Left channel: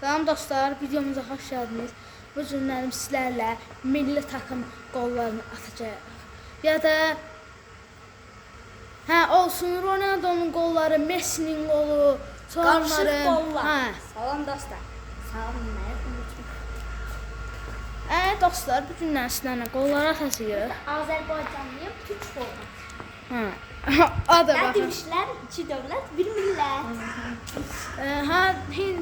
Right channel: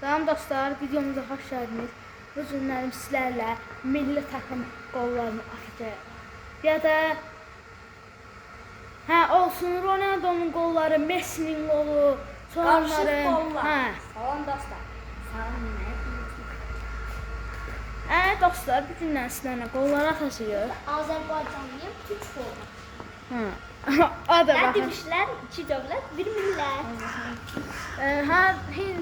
Salam dostlar, videomuza xoş gəldiniz. Bu günlərim sizlərlə milli takım qollarını atacağıq. Ya da olsun Ronaldo'nun qolları, Messi'nin qolu, sonları. Salam dostlar. Salam dostlar, bu günlər sizlərlə qolları atacağıq. Azərbaycanlıyım, Türk qolu. O da baxın. Demişlər, iki dövlət, bir millət.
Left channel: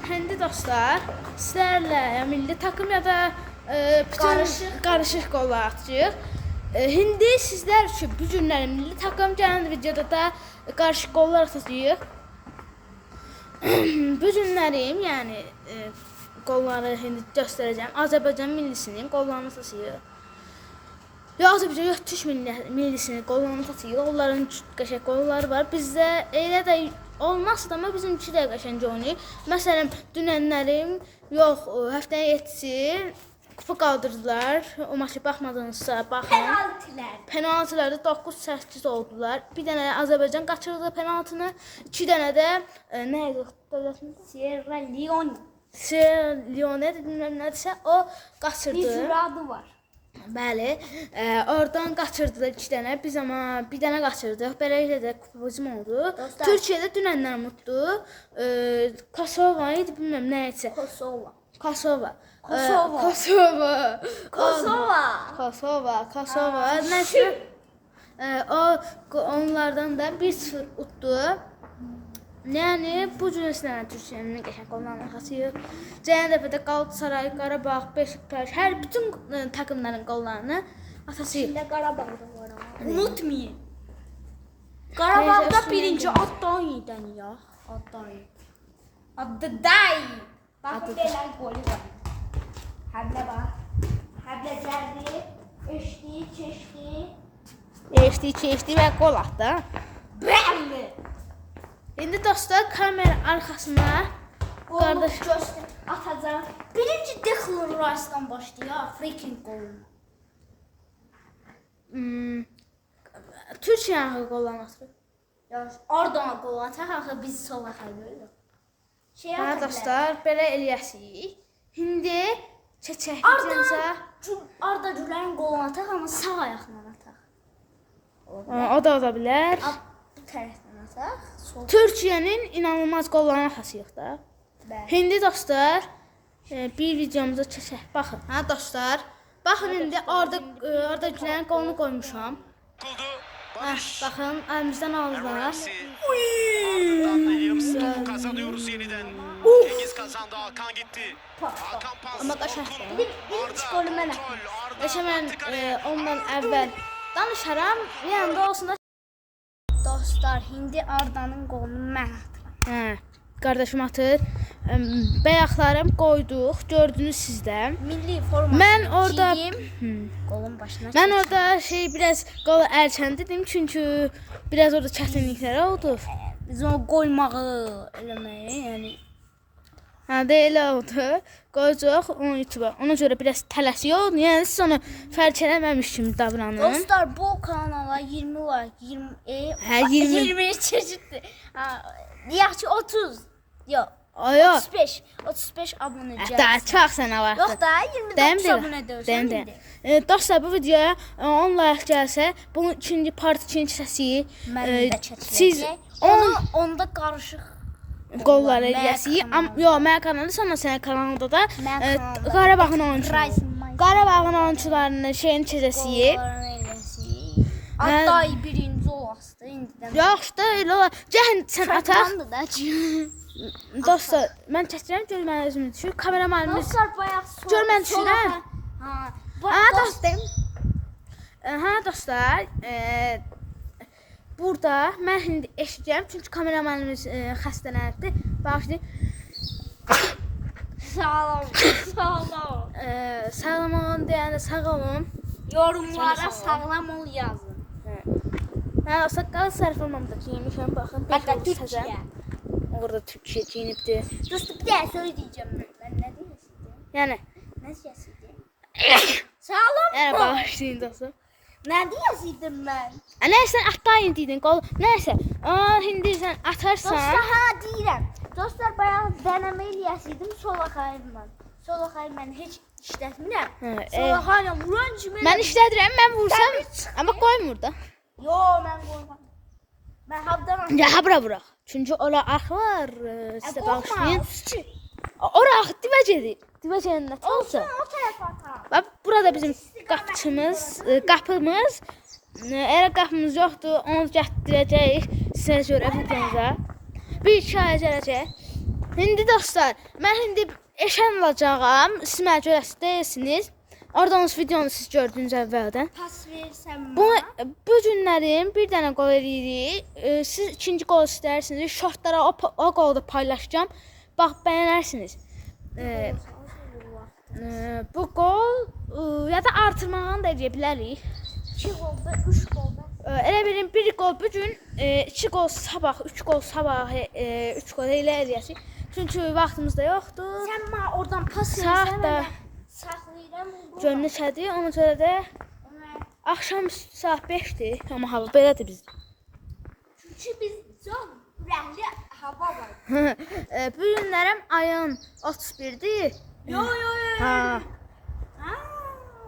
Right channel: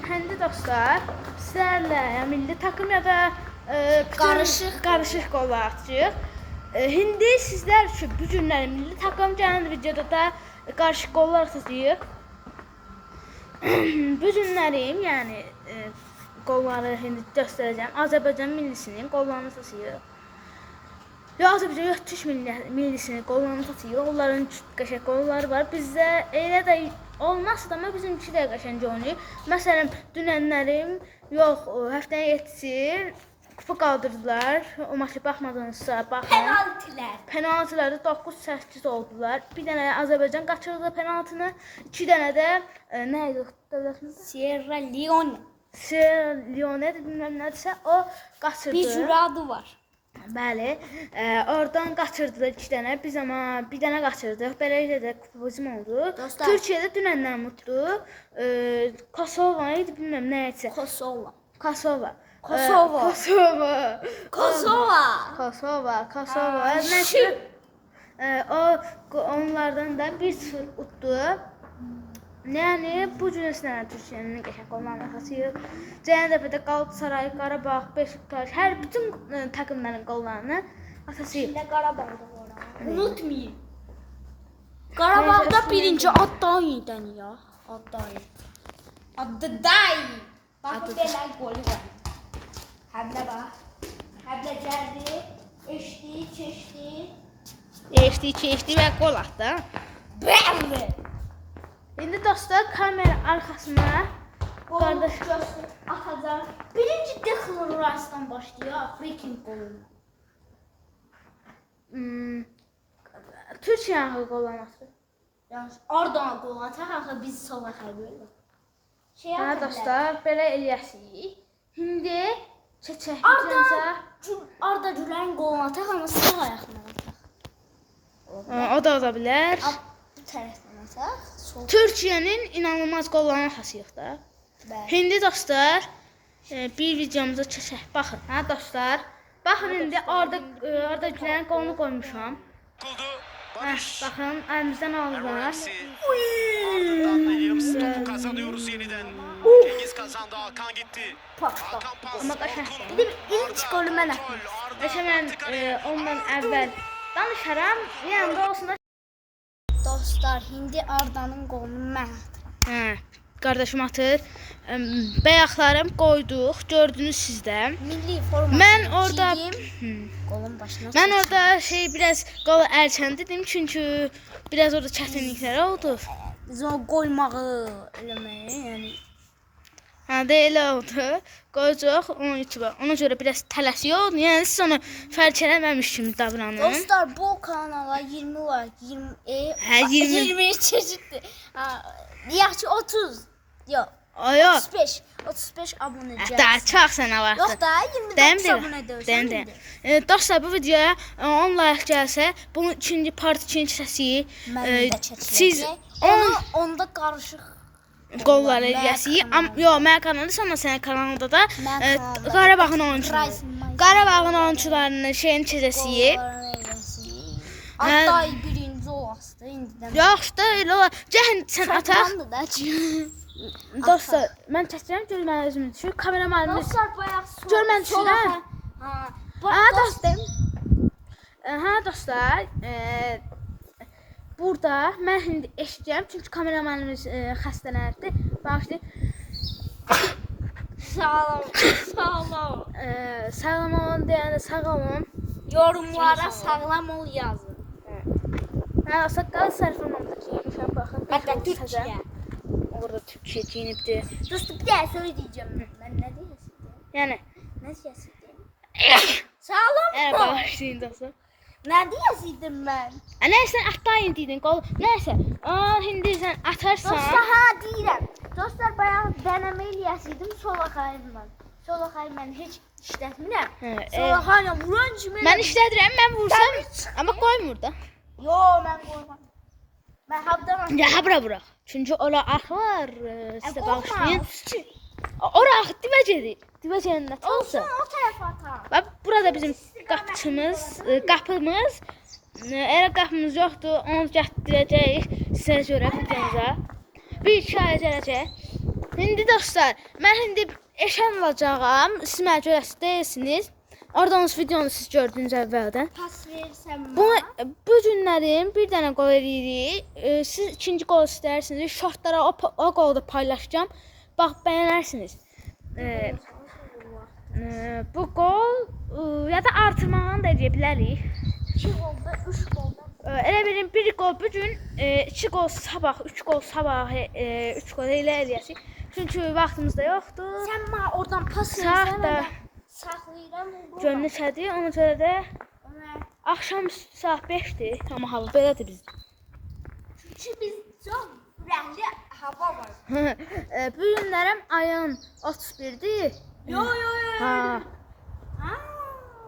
Hindi dostlar, sizlərlə milli takım ya da qarışıq qollar atacağıq. Hindi sizlər üçün bu günlərin milli takım, gələn videoda da qarışıq qollar atacağıq. Bu günlərim, yəni qolları hindi göstərəcəm. Azərbaycan millisinin qollarını atacağıq. Azərbaycan Türk millisinin qollarını atacağıq. Onların qəşəng qolları var. Bizdə elə də olmazsa da, amma bizimki də qəşəng oynayır. Məsələn, dünənlərim, yox, həftənin 7-si kupa qaldırdılar. O maçı baxmadınızsa, baxın. Penaltılarda 9-8 oldular. Bir dənə Azərbaycan qaçırdı penaltını. 2 dənə də nə idi dövlətimiz? Sierra Leone. Sierra Leone bilməm nədirsə, o qaçırdı. Bir sürü adı var. Bəli, oradan qaçırdılar 2 dənə, biz amma bir dənə qaçırdıq, beləliklə də kupamızım oldu. Türkiyədə dünəndən mutlu, Kosova idi, bilməm nə etsə. Kosova. Nəşr, onlardan da 1-0 utdu. Yəni, bu cüzəsindən Türkiyənin qəşəng qollarını atacağıq. Gələn dəfədə Qalatasaray, Qarabağ, Beşiktaş, hər bütün takımların qollarını atacağıq. Şimdi Qarabağda var. Unutmayın. Qarabağda birinci Addayi'dən ya. Addayi. Bakın belə golü var. Həblə bax. Həblə gəldi. Keçdi və qol atdı. Bəli. İndi dostlar, kamera arxasına Qardaş atacağım. Birinci Declan Rice'dan başlayıyor. Freaking golü. Türkiyənin qollarını atır. Yani oradan gol atar, axı biz sola xəbər. Dostlar, belə eləyəsik. İndi çəkəcəksə Arda Gülərin gol atar, amma sağ ayaqla atar. O da ola bilər. Bu tərəfdən atar. Türkiyənin inanılmaz qollarını atacağıq da. İndi dostlar, bir videomuza çəkək. Baxın, dostlar. Baxın, indi Arda Gülərin qolunu qoymuşam. Bakın elimizden aldılar. Ardından yarımsı topu kazanıyoruz yeniden. Cengiz kazandı, Hakan gitti. Hakan pas. Ama kaçar. İlk golü mən atdım. Hemen ondan əvvəl danışaram. Yəni də olsun da. Dostlar, indi Arda'nın qolunu mən atıram. Qardaşım atır. Bəyaqlarım qoyduq. Gördünüz sizdə. Milli formasını Mən orada qolun başına Mən orada biraz qolu əlçəndidim çünki biraz orada çətinliklər oldu. Biz onu qoymağı eləməyə, yəni Elə oldu. Qoyacaq onun YouTube-a. Ona görə biraz tələsiyor. Yəni siz onu fərq eləməmiş kimi davranın. Dostlar, bu kanala 20 like, 20 çeşitli. Deyək ki 30. Yox. 35 abunə gəlsin. Daha çox sənə var. Yox da 29 abunə dövsən. Dostlar, bu videoya 10 like gəlsə, bunun ikinci part, ikinci səsi siz onda qarışıq qollar eləyəsiniz. Yox, mənim kanalımda, sonra sənin kanalında da Qarabağın oyunçularının şeyini çəkəsiniz. Hatta birinci olasın indidən. Yaxşı da elə olar. Gəlin sən ataq. Dostlar, mən çəkirəm, gör mən özümü düşür. Kameramanımız Dostlar, bayaq gör mən düşürəm. Dostlar, burada mən indi eşidəcəm, çünki kameramanımız xəstələnibdir. Bağışlayın. Sağlam olun deyəndə sağ olun. Yorumlara sağlam ol yazın. Saqqal sərfirmamdakı yemişəm, baxın. Hətta Türkiyə. Orada Türkiyə giyinibdir. Dostum, bir daha söyleyeceğim ben. Ne diyeyim? Yəni. Ne diyeyim? Sağlam Yəni mı? bağışlayın dostum. Ne diyeyim ben? Nəysə atlayın deydin qol. Nəysə. İndi sən atarsan. Dostlar, ha deyirəm. Dostlar bayağı deneme eləyəsiydim Solaxayla. Solaxay mən heç işlətmirəm. Solaxayla vuran kimi. Mən işlədirəm, mən vursam, amma qoymur da. Yo, mən qoymam. Mən habdan Ya bura bura. Çünki ora ax var, sizə bağışlayın. Ora ax divəcədir. Divəcənin nə olsa. O tərəfə atar. Bax burada bizim qapımız. Eğer qapımız yoxdur, onu gətirəcəyik sizə görə videomuza. Bir iki ay gələcək. İndi dostlar, mən indi eşən olacağam. Siz mənə görəsi deyilsiniz. Oradan videonu siz gördünüz əvvəldən. Pas versəm Bu günlərin bir dənə qol eləyirik. Siz ikinci qol istəyirsiniz. Şortlara o qolu da paylaşacağım. Bax, bəyənərsiniz. Bu qol ya da artırmağını da edə bilərik. 2 qolda, 3 qolda. Elə bilin bir qol bu gün, 2 qol sabah, 3 qol sabah, 3 qol elə eləyəsik. Çünki vaxtımız da yoxdur. Sən mənə oradan pas Saat versən, da mən saxlayıram. gönlüsədir. Ona görə də axşam saat 5-dir. Amma hava belədir biz. Çünki biz çox rəngli hava var. Bu günlərəm ayın 31-dir. Yo. Ha,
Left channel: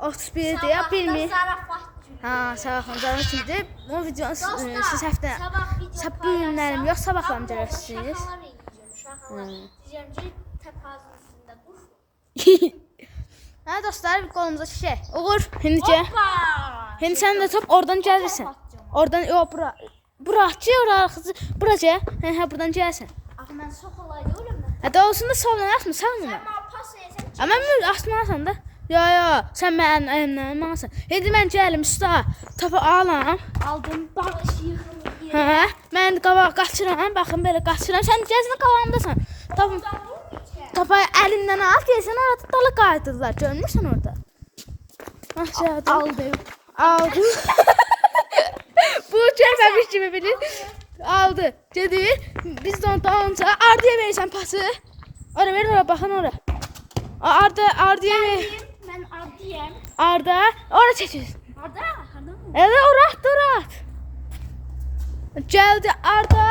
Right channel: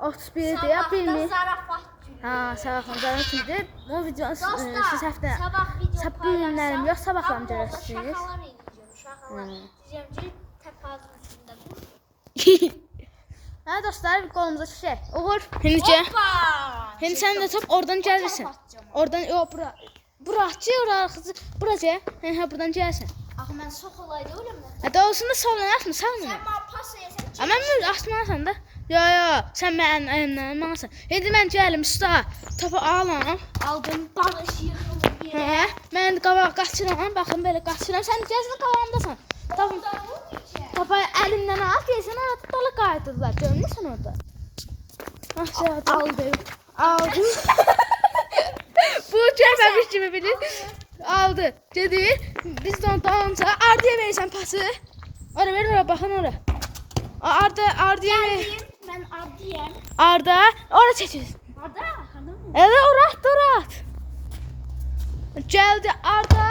31-dir ya, bilmir. Zarafat günü. Ha, sabahlarım sizdir. O videonu siz həftə Sabah video bu günlərim yox, sabahlarım görərsiniz. Şakalar eləyəcəm, şakalar. Diyeceğim ki təpazın üstündə dur. Hə dostlar, bir qolumuza şişək. Uğur, Hindicə. Hindi sən də top oradan gəlirsən. Oradan, yox, bura. Buracı, buraca. Hə, buradan gəlsən. Axı mən çox olaydı ölümdən. Hə, olsun da soldan asma, sağdan. Sən mənə pas versən. Amma mən asmasan da. Yo, sən mənim əlimdən alsan. Şimdi mən gəlim usta, topu alam. Aldım, dalış yıxılır. Hə, mən qabaq qaçıram, baxın belə qaçıram. Sən gəzini qabağımdasan. Topu əlindən al, deyəsən orada dalı qayıdırlar. Görmürsən orada? Aldım. Bu gəlməmiş kimi bilir. Aldı. Gedir. Biz də dalınca Ardıya verirsən pası. Ora ver, ora baxın ora. Ardıya ver. Mən Ardiyəm. Arda, ora çəkir. Arda? Evet, ora. Gəldi Arda.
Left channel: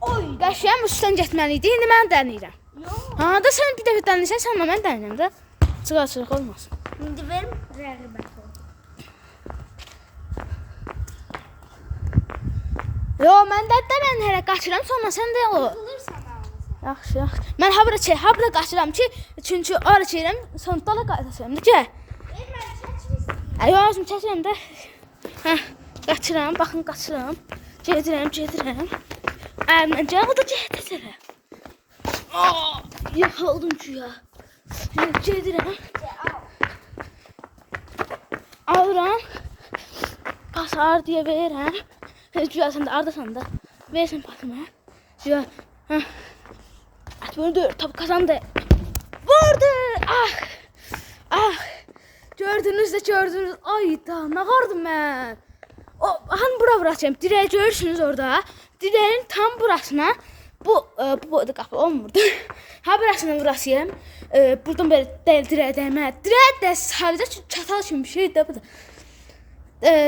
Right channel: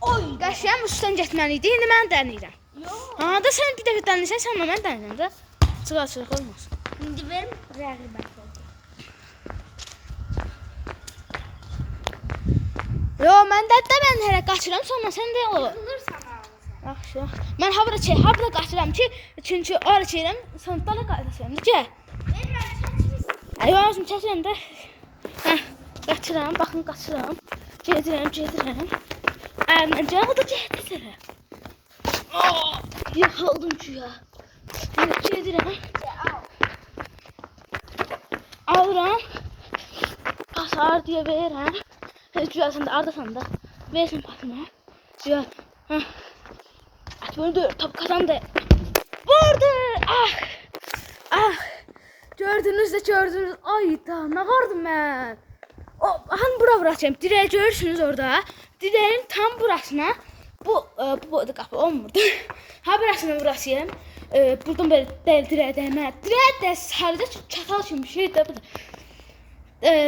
Oy, qəşəng üstdən getməliydi. İndi mən dənirəm. Yox. Ha, da sən bir dəfə dənirsən, sən də mən dənirəm də. Çıqaq olmaz. İndi verim rəğbət ol. Yo, mən hələ qaçıram, sonra sən də olur. Yıxılırsan ağzına. Yaxşı. Mən ha bura qaçıram ki, çünki ora çəkirəm, sonra dala qayıdasam. Gəl. Mən çəkirəm. Ay, özüm çəkirəm də. Hə, qaçıram, baxın qaçıram. Gedirəm. Əlimcə o da gedir. Yıxıldım ki ya. Gedirəm. Alıram. Pas Ardıya verirəm. Güzelsin de Ardasan da. Versin pasımı. Güzel. At vurdu. Top kazandı. Vurdu. Ah. Gördünüz. Ay da ne vardım ben. Bakın bura bırakacağım. Direği görürsünüz orada. Direğin tam burasına. Bu kapı olmurdu. Ha burasına vurasıyım. Buradan böyle direğe değme. Direğe de sadece çatal için bir şey de bu da.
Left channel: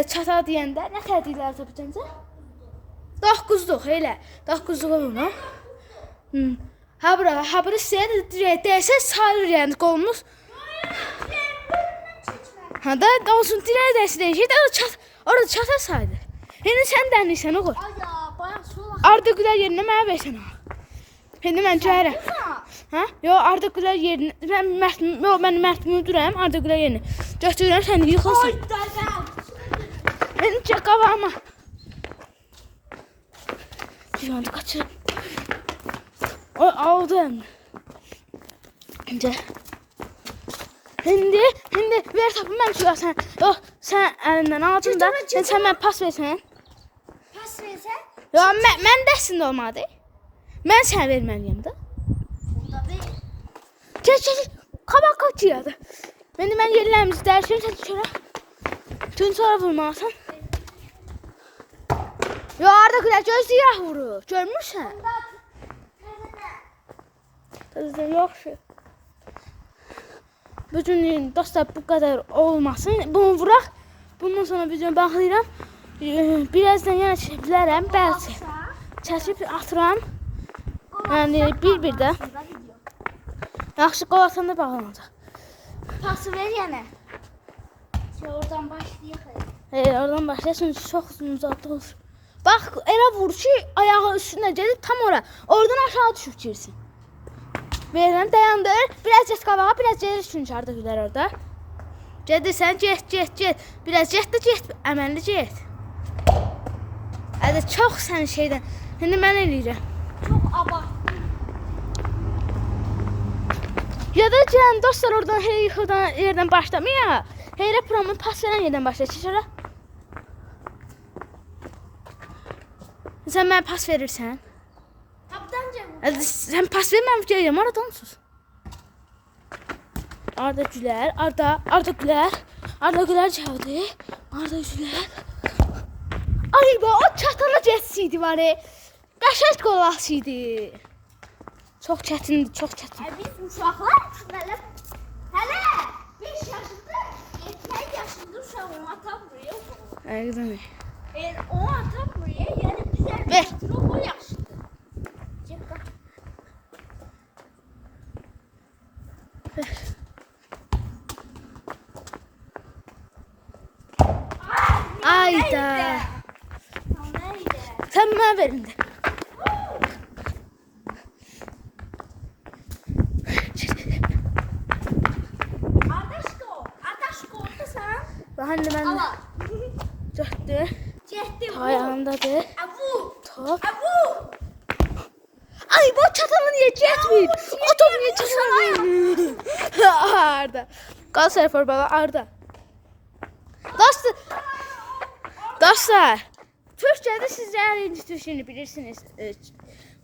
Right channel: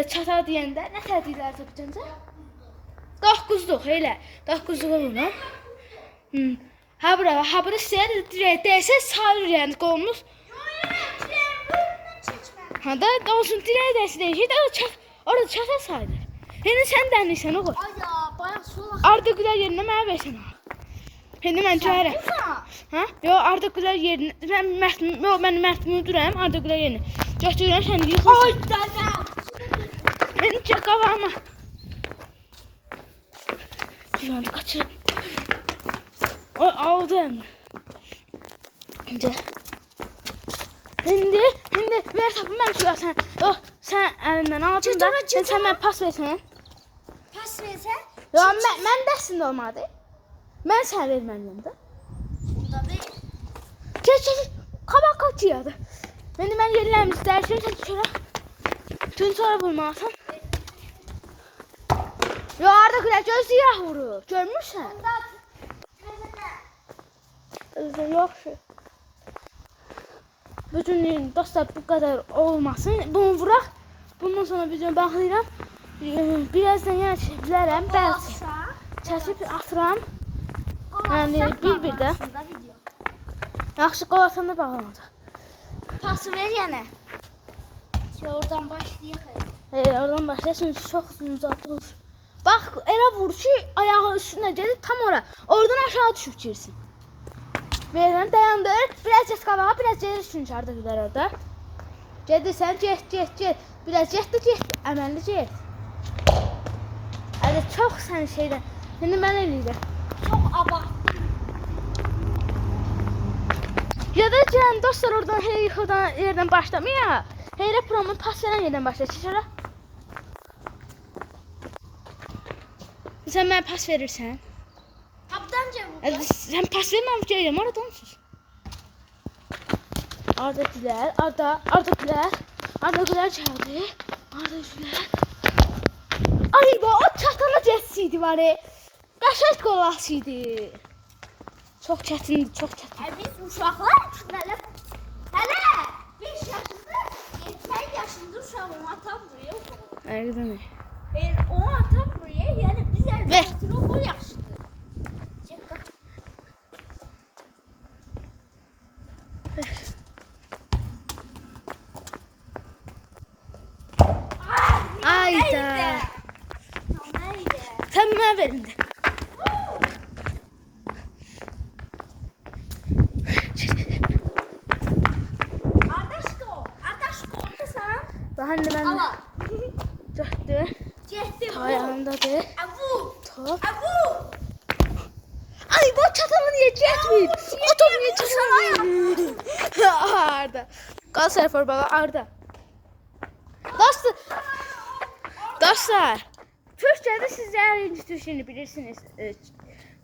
Çatal deyəndə nə tədbirlər tapacaqsa? 9'luq elə. 9'luq olur. Ha bura sizə deyəsə sarır qolumuz. Ha da olsun dirəyə dəsi deyəcək də orada çatal sayılır. İndi sən dənirsən oğul. Ay ya, bayağı sola. Arda Güler yerinə mənə versən. İndi mən çağırım. Ha? Yo, Arda Güler yerinə mən Mərtimi duram, Arda Güler yerinə. Götürürəm səni yıxılsın. Benim çakavama. Şu anda kaçırım. Aldım. Şimdi ver topu ben çıkarsan. Sen elinden alacaksın da. Sen ben pas versen. Pas versən? Ya mən dərsində olmadı. Mən sənə verməliyəm də. Bunda deyil. Gəl. Qabaq qaçıyordu. Mən yerlərimizi dəyişirəm, sen sonra vurmalısın. Ya Arda Güler göz siyah vurur. Görmüşsən? Yok şey. Bütün dostlar bu kadar olmasın. Bunu vuraq. Bundan sonra videonu bağlayıram. Birazdan yana çəkib bilərəm. Bəzi çəkib atıram. Yəni bir də. Yaxşı qol atanda bağlanacaq. Pası ver yenə. Oradan başlayıq. Oradan başlayasın, çox uzun olur. Bax, elə vur ki, ayağı üstünə gedir, tam ora. Oradan aşağı düşüb girsin. Verirəm, dayandır. Biraz get qabağa, biraz gedir çünki Arda Gülər orada. Gedirsən, get. Biraz get də get, əməlli get. Hələ çox sən şeydən. İndi mən eləyirəm. Çox abartdım. Ya da gəlin dostlar oradan yuxudan yerdən başlamaya. Heyrə promun pas verən yerdən başlayır. Çiçara. Sən mənə pas verirsən. Kaptanca bu. Sən pas verməm gəlirəm aradan sus. Arda Gülər, Arda Gülər. Arda Gülər gəldi. Arda Gülər. Ay da o çatana geçsiydi var. Qəşəng qol asıydı. Çox çətindir, çox çətin. Ay biz uşaqlar hələ 5 yaşında, 2 yaşında uşağım atam buraya oxuyur. Əqdəmi. O atam buraya, yəni bizə Ver. o yaxşıdır. Ayda. Sən mənə verin də. Daha indi mən dörtdü. Ayağımdadır. Top. Ay bu çatamı niye getmir? O top niye çatamır? Arda. Galatasaray formalı Arda. Dostlar. Türkçədə sizlər inci türkünü bilirsiniz.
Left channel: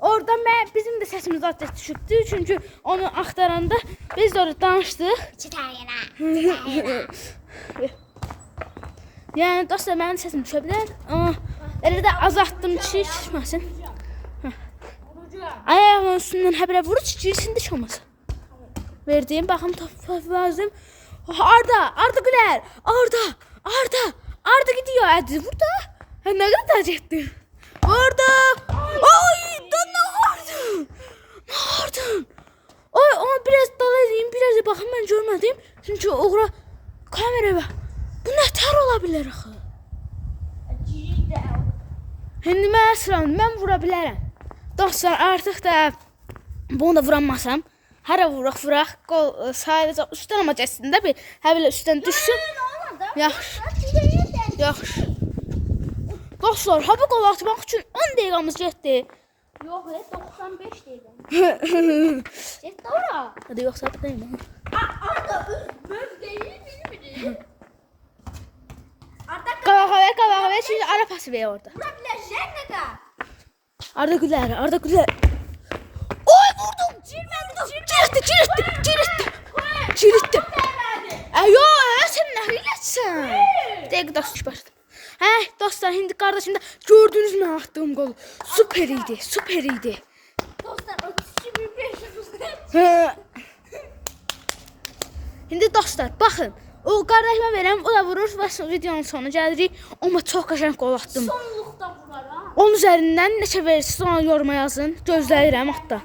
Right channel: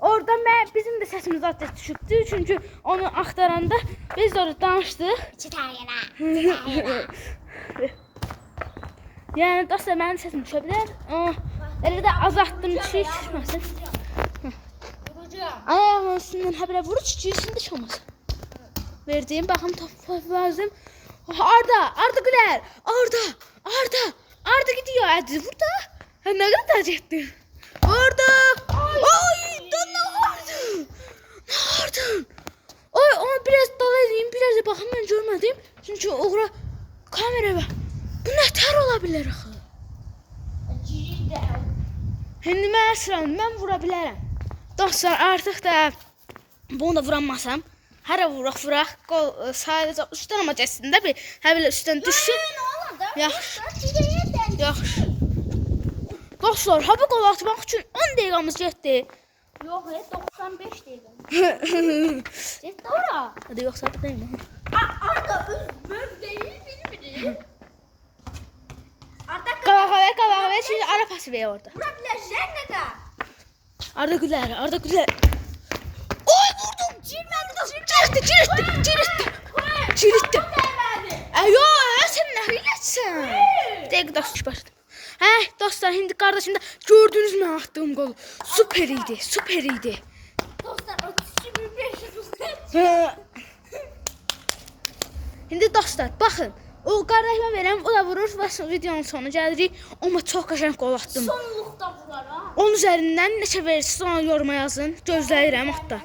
Orada bizim də səsimiz azca düşübdü. Çünki onu axtaranda biz de orada danışdıq. Yəni dostlar mənim səsim düşə bilər. Elə də azaltdım ki, düşməsin. Ayağımın üstündən həbərə vurur ki, girsin düşməsin. Verdiğim baxım top lazım. Arda Gülər. Arda gidiyor. Hadi burada. Ne kadar acıktın? Arda. Ay ne vardın? Ay ona biraz dalayım, biraz da bakın ben görmedim. Çünkü oğra kamera var. Bu ne ter olabilir axı? Şimdi mən sıram, mən vura bilərəm. Dostlar artıq da bunu da vurammasam. Hərə vuraq, qol sadəcə üstdən ama cəsində bir hələ üstdən düşsün. Yaxşı. Dostlar, hava qol atmaq üçün 10 dəqiqəmiz getdi. Yox, 95 deyirəm. Getdi ora. Hadi yoxsa bir deyim. Arda öz mövqeyini bilmir. Qabağa çünki ara pası ver orada. Bura biləşən nədə? Arda Gülər. Oy vurdum. Çirtdi. Ayo, sən nə eləsən? Dəqiq dostlar başladı. Dostlar, şimdi qardaşımda gördünüz mü attığım gol? Süper idi. Dostlar, 32.500 Şimdi dostlar, baxın. O qardaşıma verəm, o da vurur və videonun sonuna gəlirik. Amma çox qəşəng qol atdım. Sonluqda vurar ha. Onun üzərindən neçə verirsiniz ona yoruma yazın. Gözləyirəm hatta.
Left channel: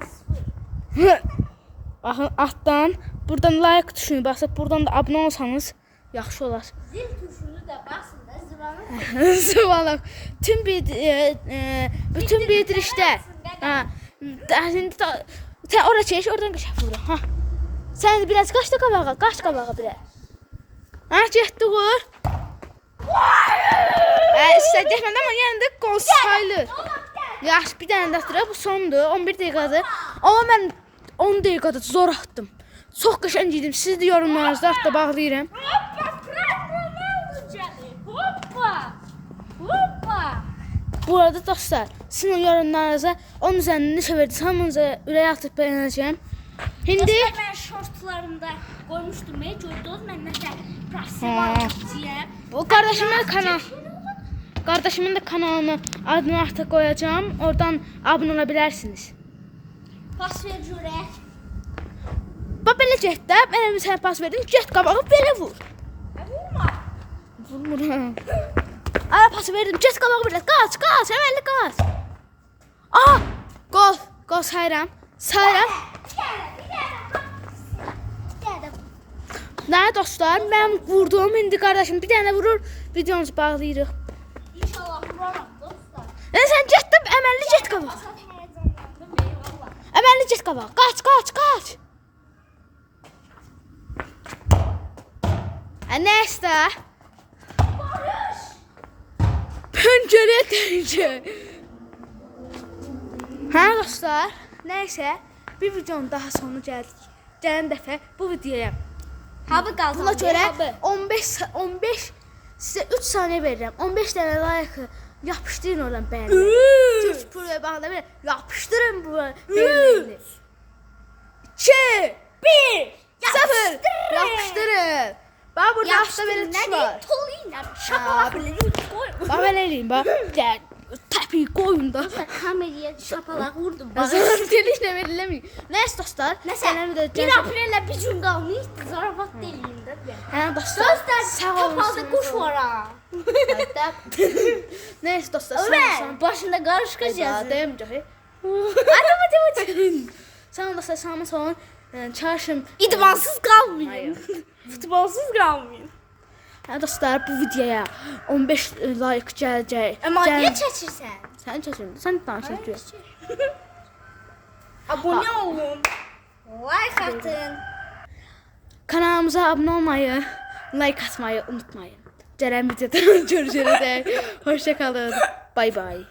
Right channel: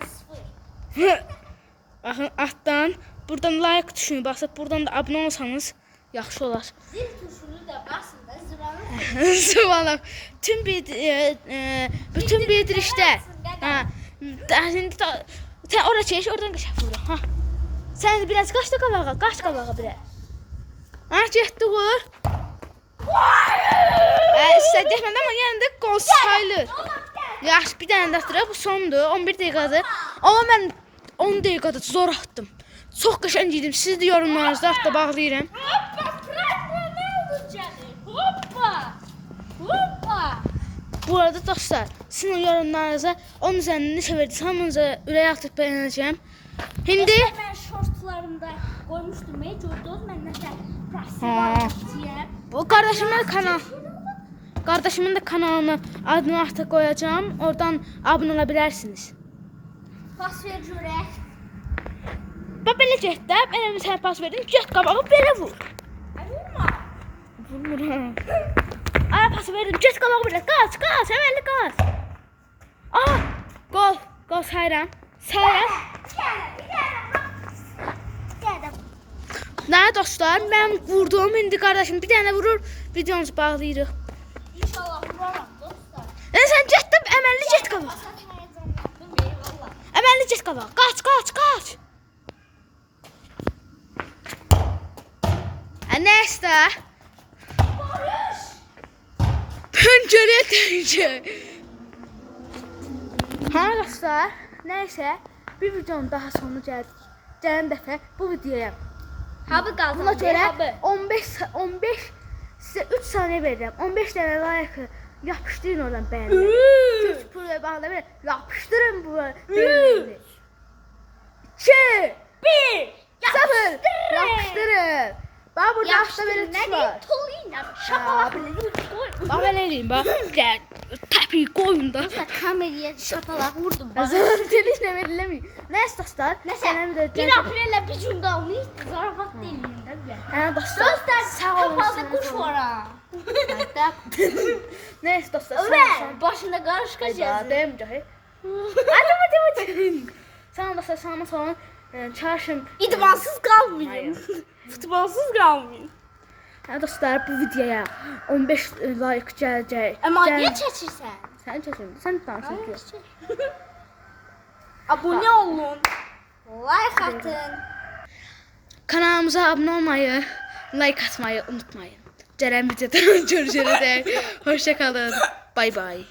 Baxın, altdan buradan like tuşuna basıb buradan da abunə olsanız yaxşı olar. Zil tuşunu da basın da zıvanı. Zıvanaq. Bütün bildirişdə. Sən ora çək, oradan bir şey vurur. Sən biraz qaç da qabağa, bir. Getdi vur. İstə getmədi amma yenə də qol sayılır. Yaxşı, bir dənə də atıraq, bu sondur, 11 dəqiqədir. Amma mən 10 dəqiqədə zor atdım. Çox qəşəng idim, siz də yorumlarınızda hatta bağlayıram. Hoppa. Bu arada dostlar, sizin yorumlarınıza 10 üzərindən neçə verdiniz, hamınıza ürək atıb bəyənəcəm. Şimdi Ben şortlarımda koymuştum. Gördünüz mən nəsə prasival atacağım. bu kardeşimin de kanalını adını artık koyacağım. Oradan abone olabilirsiniz. Pas ver görək. Bax belə get də, mən sənə pas verdim, get qabağa belə vur. Vurmuram. Ara pası verdim, get qabağa belə, qaç, əməlli qaç. Gol. Qol sayıram. Sayıram. Nə dostlar, mən vurdum. İndi qardaşım bir dənə vurur, videomuzu bağlayırıq. İnşallah vuramam dostlar. Sən getdin, əməlli get qabağa. Sen heyecanlandın eyvallah. Əməlli get qabağa. Qaç, qaç, qaç. Nəysə. Barış. Pəncərəyə dəyəcək. Hə dostlar, nəysə, bir videonun daha sonu gəldik. Gələn dəfə bu videoya Abi qaldı. buna görə 15 sizə 3 saniyə verirəm. 15 dənə like yapışdırın oradan bəyənləri. Türk Pro'ya bağlı bir yapışdırın bu bəyənləri. 2 1 0 yapışdırın. Bax burada hafta belə tuş var. Toluyla. Şaka bile koy. Bax belə eləyim bax. Gəl təpi qoyun da. Kameraya şapalak vurdum. Zarar telişlə veriləmir. Nəysə dostlar, gələn videoda 1 aprelle bir gün qalmış. Zarafat deyilin də bir. Hə dostlar, sağ olun. Kapalı kuş var ha. Nəysə dostlar, sağ olun. Ömer başında karışık yazıyor. Demeyəcək. Hadi. Sağ olun dostlar, sağ olun. Çarşın. İdmansız kalmayayım. Futbolsuz kalmayayım. Hə dostlar, bu videoya 15 like gələcək. Ama Gəl- niye çeçirsen? Sən çəkin, sən danışırsan. Abone olun. Like atın. Kanalımıza abunə olmayı, like atmayı unutmayın. Gələn videoda görüşürüz. Hoşça kalın. Bay bay.